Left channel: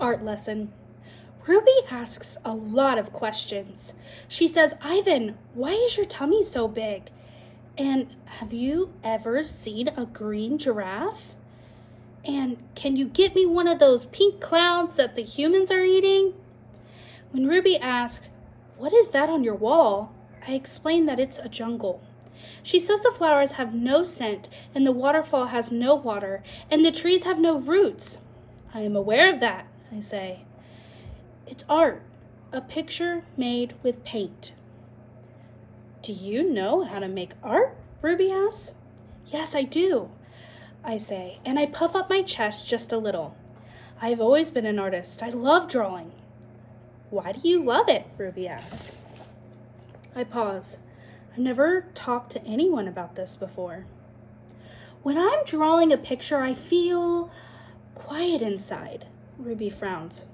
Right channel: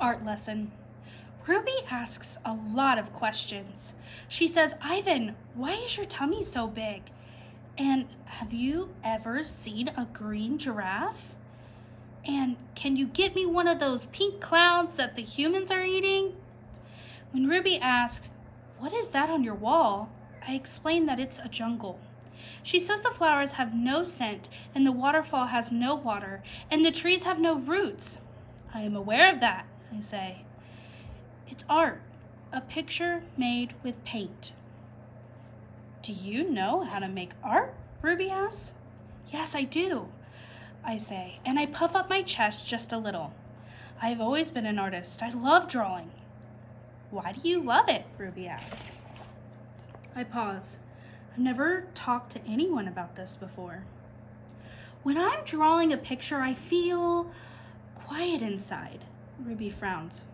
art lesson. Ruby asks a lot of questions. She says, Ivan, why is your tummy so big? And have you ever seen a green giraffe? And can you get me one of those pink clouds that the humans are eating? When Ruby asks, what is that on your wall? I explain that it's a jungle. She says the flowers have no scent, and the waterfall has no water, and the trees have no roots. I am aware of that, I say. It's art, a picture made with paint. Do you know how to make art? Ruby asks. Yes, I do, I say, and I puff up my chest just a little. I have always been an artist. I love drawing. Why do you love it? Ruby asks. I pause. I've never talked to anyone about this before. When I'm drawing a picture, I feel quiet inside. Ruby frowns.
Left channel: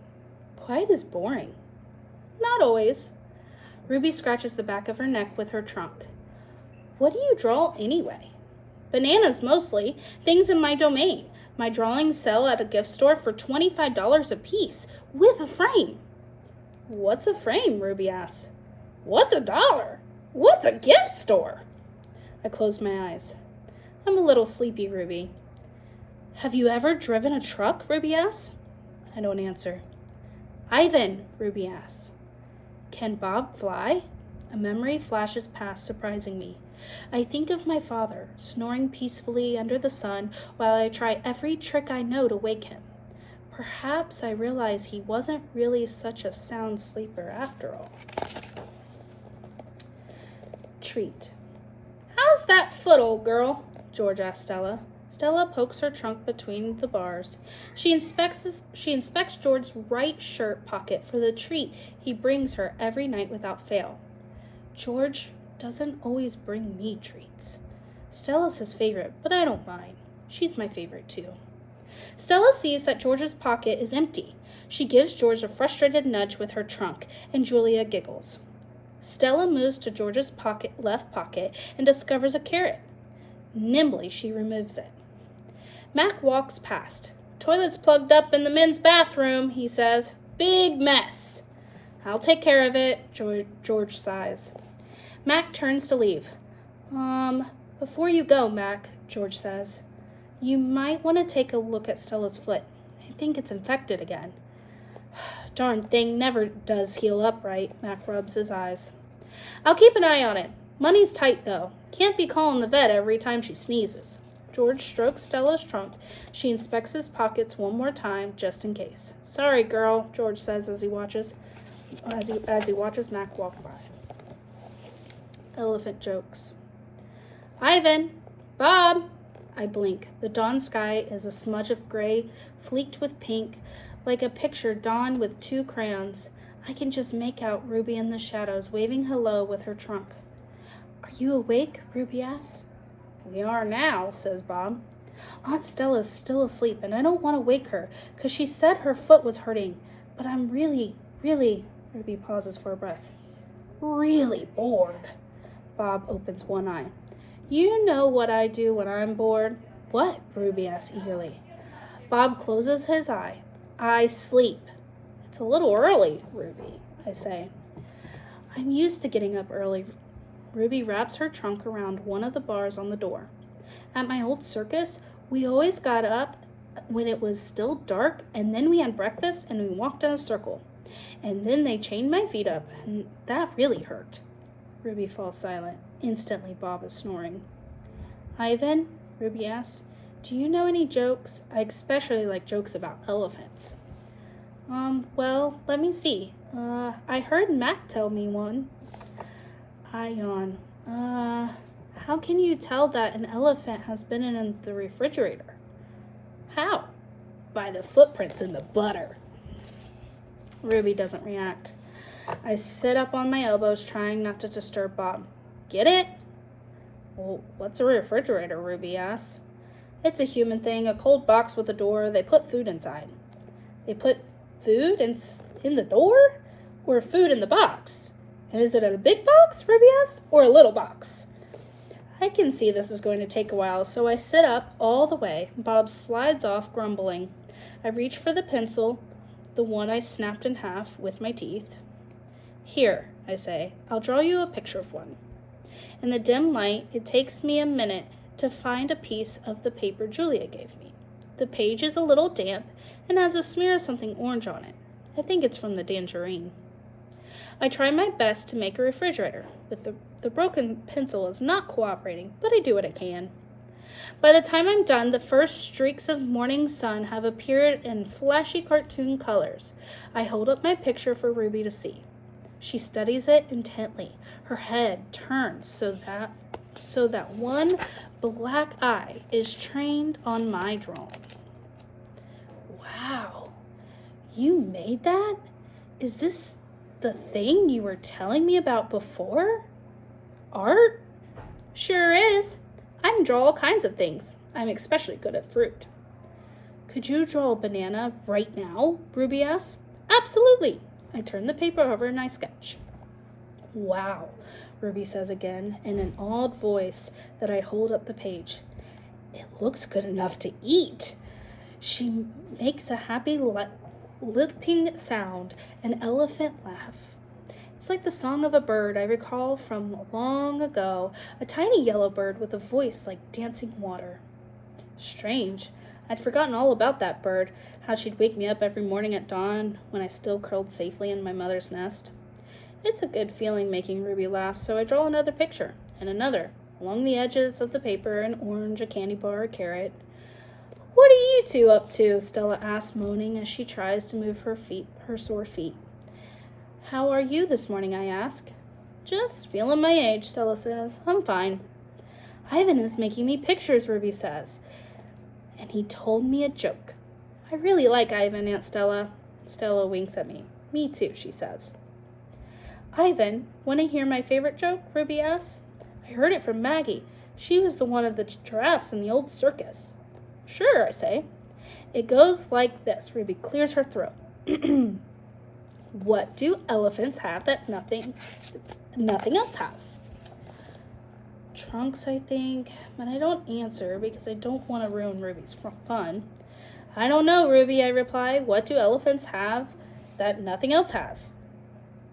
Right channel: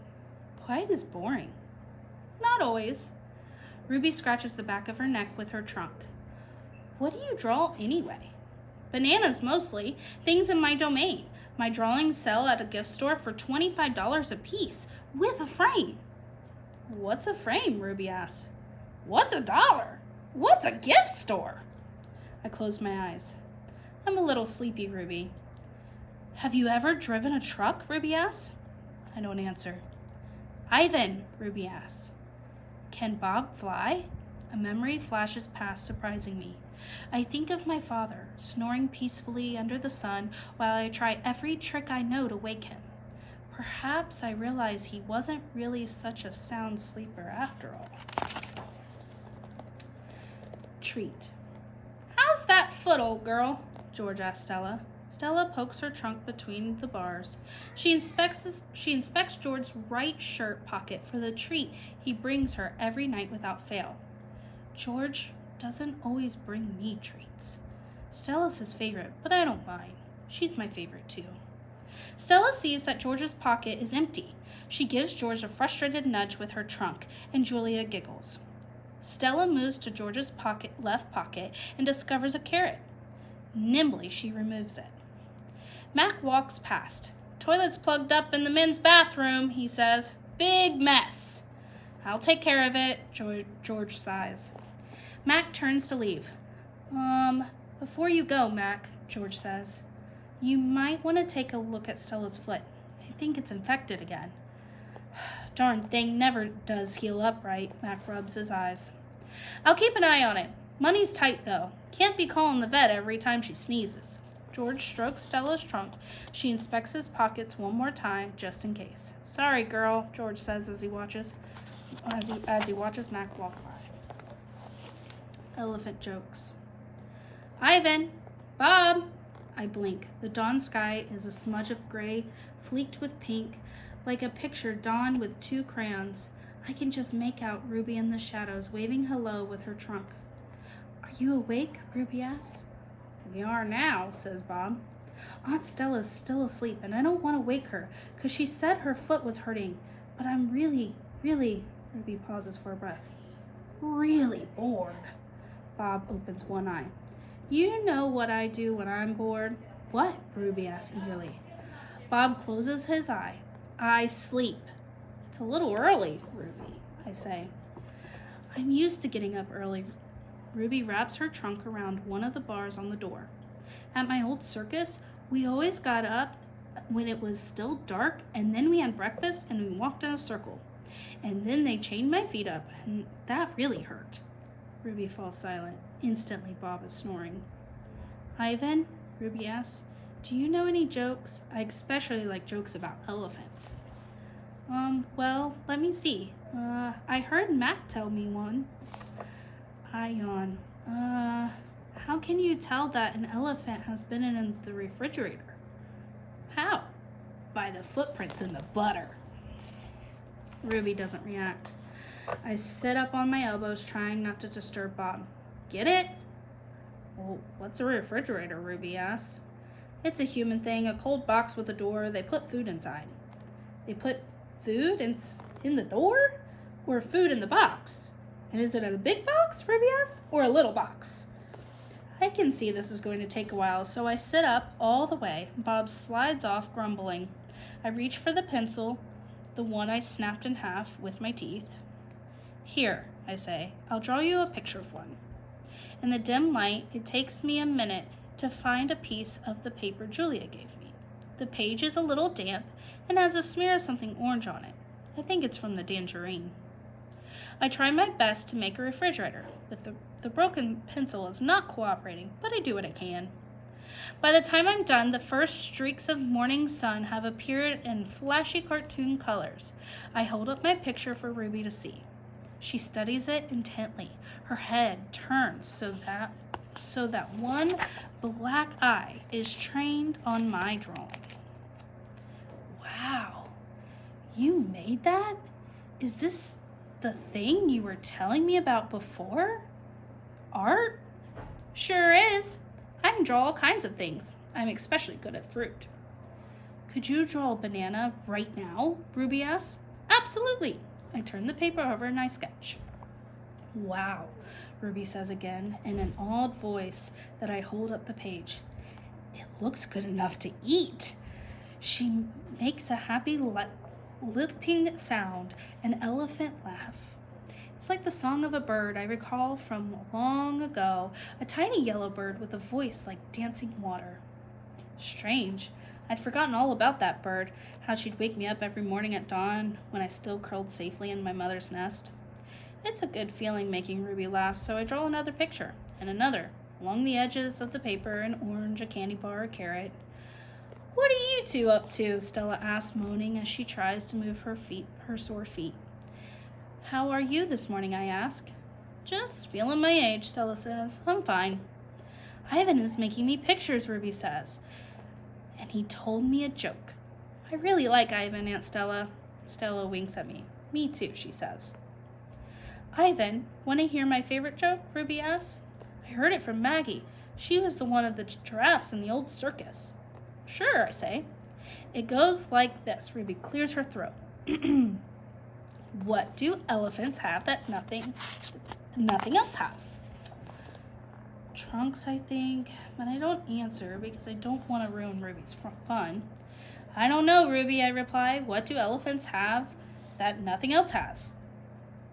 Quiet is boring. Not always. Ruby scratches the back of her neck with her trunk. What do you draw anyway? Bananas mostly, things in my domain. My drawings sell at a gift store for $25 a piece, with a frame. What's a frame? Ruby asks. What's $1? What's a gift store? I close my eyes. I'm a little sleepy, Ruby. Have you ever driven a truck? Ruby asks. I don't answer. Ivan, Ruby asks. Can Bob fly? A memory flashes past, surprising me. I think of my father, snoring peacefully under the sun while I try every trick I know to wake him. Perhaps I realize he wasn't really such a sound sleeper after all. Treat. How's that foot, old girl? George asks Stella. Stella pokes her trunk between the bars. She inspects George's right shirt pocket for the treat he brings her every night without fail. George doesn't always bring me treats. Stella's his favorite, but I don't mind. She's my favorite too. Stella sees that George's pocket is empty. She gives George a frustrated nudge with her trunk, and Julia giggles. Stella moves to George's left pocket and discovers a carrot. Nimbly, she removes it. Mac walks past. Toilet's plugged up in the men's bathroom, he says. Big mess. I'll take care of it, George sighs. Mac turns to leave. Before you go, Mac, George says, you might want to take a look at Stella's foot. I think it's infected again. Darn thing never does heal up right, Mac rubs his eyes. I'll keep an eye on it. Money's tight, though. Can't be calling the vet every time she sneezes. George strokes Stella's trunk. She inspects his pockets one more time, just in case. Sorry, girl, George says as he watches Mac walk by. Elephant jokes. Ivan! Bob! I blink. The dawn sky is a smudge of gray, flecked with pink, like a picture drawn with 2 crayons. I can just make out Ruby in the shadows, waving hello with her trunk. Are you awake? Ruby asks. We are now, says Bob. Aunt Stella's still asleep, and I don't want to wake her, because she said her foot was hurting. But I'm really, Ruby pauses for a breath. Really bored. Bob opens one eye. You know what I do when I'm bored? What? Ruby asks eagerly. Bob closes his eye. I sleep. It's a little early, Ruby, I say. I'm used to getting up early. Ruby wraps her trunk around one of the bars on the door. At my old circus, we always got up when it was still dark, and then we had breakfast and we walked in a circle. And then they chained my feet up, and that really hurt. Ruby falls silent. Instantly, Bob is snoring. Ivan, Ruby asks, do you know any jokes? I especially like jokes about elephants. Well, let me see. I heard Mac tell me one. I yawn. How can you tell that an elephant has been in the refrigerator? How? By the footprints in the butter. Ruby doesn't react. I sit up on my elbows, trying not to disturb Bob. Get it? Well, what's a refrigerator? Ruby asks. It's a human thing, a cold box with a door. They put food inside. They put food in the door? Or food in the box? And is it a big box, Ruby asked, or a little box? I can see this is going to take a while, so I sit up all the way. Bob slides off, grumbling. I reach for the pencil the one I snapped in half with my teeth. Here, I say, I'll draw you a picture of one. In the dim light, it takes me a minute to find a piece of the paper Julia gave me. The page is a little damp and has a smear of something orange on it. I think it's from the tangerine. I try my best to make a refrigerator, but the broken pencil is not cooperating, but I do what I can. By the time I'm done, the first streaks of morning sun have appeared in flashy cartoon colors. I hold up my picture for Ruby to see. She studies it intently. Her head turns so that one black eye is trained on my drawing. Wow, you made that? Is this the thing you were telling me about before? Art? Sure is. I can draw all kinds of things. I'm especially good at fruit. Could you draw a banana right now? Ruby asked. Absolutely. I turn the paper over and I sketch. Wow, Ruby says again in an awed voice that I hold up the page. It looks good enough to eat. She makes a happy lilting sound, an elephant laugh. It's like the song of a bird I recall from long ago, a tiny yellow bird with a voice like dancing water. Strange. I'd forgotten all about that bird, how she'd wake me up every morning at dawn when I still curled safely in my mother's nest. It's a good feeling making Ruby laugh, so I draw another picture, and another. Along the edges of the paper, an orange, a candy bar, a carrot. What are you two up to? Stella asks, moaning as she tries to move her sore feet. How are you this morning? I ask. Just feeling my age, Stella says. I'm fine. Ivan is making me pictures, Ruby says. And he told me a joke. I really like Ivan, Aunt Stella. Stella winks at me. Me too, she says. Ivan, want to hear my favorite joke? Ruby asks. I heard it from Maggie. She was the one of the giraffes in the old circus. Sure, I say. It goes like this. Ruby clears her throat. What do elephants have that nothing else has? Trunks, I think, but I don't answer because I don't want to ruin Ruby's fun. I don't know, Ruby, I reply. What do elephants have that nothing else has?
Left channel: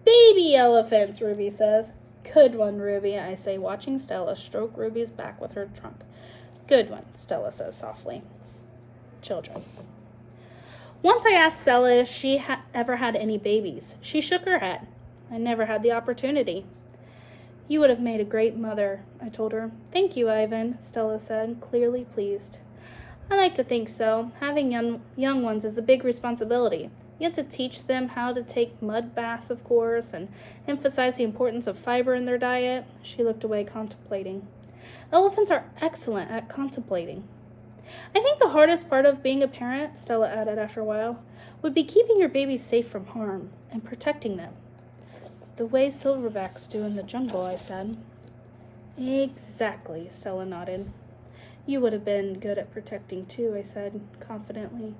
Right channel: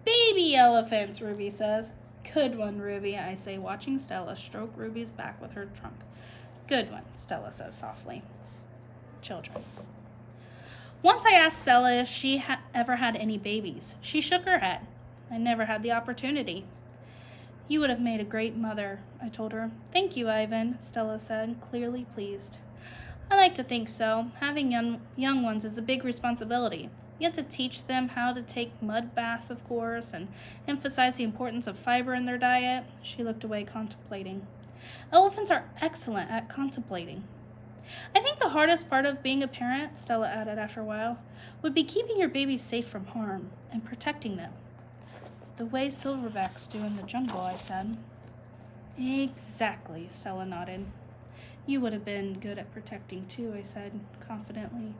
Baby elephants, Ruby says. Good one, Ruby, I say, watching Stella stroke Ruby's back with her trunk. Good one, Stella says softly. Children. Once I asked Stella if she ever had any babies. She shook her head. I never had the opportunity. You would have made a great mother, I told her. Thank you, Ivan, Stella said, clearly pleased. I like to think so. Having young ones is a big responsibility. You have to teach them how to take mud baths, of course, and emphasize the importance of fiber in their diet. She looked away, contemplating. Elephants are excellent at contemplating. I think the hardest part of being a parent, Stella added after a while, would be keeping your babies safe from harm and protecting them. The way silverbacks do in the jungle, I said. Exactly, Stella nodded. You would have been good at protecting too, I said confidently.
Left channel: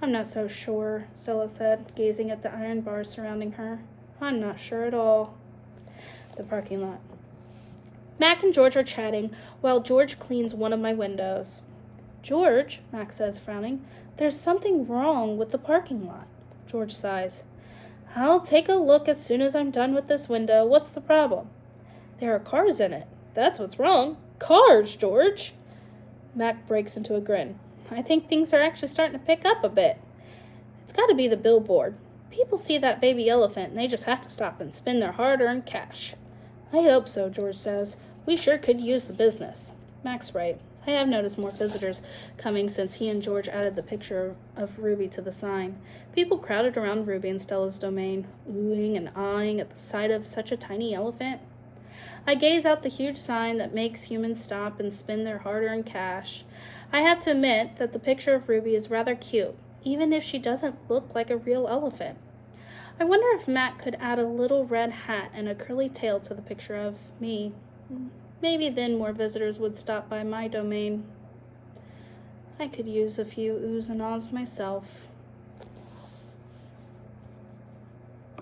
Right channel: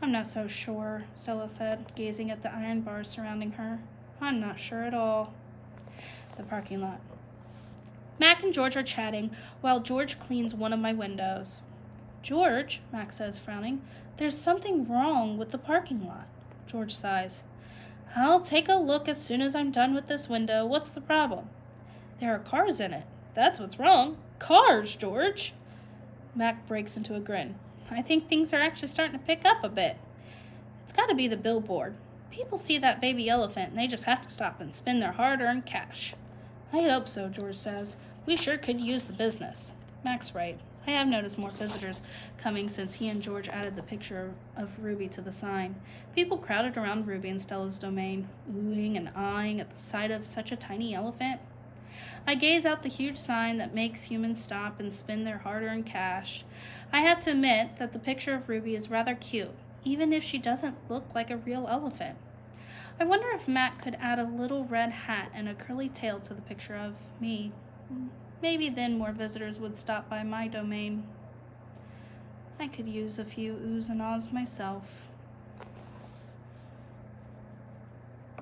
I'm not so sure, Stella said, gazing at the iron bars surrounding her. I'm not sure at all. The parking lot. Mac and George are chatting while George cleans one of my windows. George, Mac says, frowning, there's something wrong with the parking lot. George sighs. I'll take a look as soon as I'm done with this window. What's the problem? There are cars in it. That's what's wrong. Cars, George! Mac breaks into a grin. I think things are actually starting to pick up a bit. It's got to be the billboard. People see that baby elephant and they just have to stop and spend their hard-earned cash. I hope so, George says. We sure could use the business. Mac's right. I have noticed more visitors coming since he and George added the picture of Ruby to the sign. People crowded around Ruby and Stella's domain, oohing and eyeing at the sight of such a tiny elephant. I gaze out the huge sign that makes humans stop and spend their hard-earned cash. I have to admit that the picture of Ruby is rather cute, even if she doesn't look like a real elephant. I wonder if Matt could add a little red hat and a curly tail to the picture of me. Maybe then more visitors would stop by my domain. I could use a few oohs and ahs myself.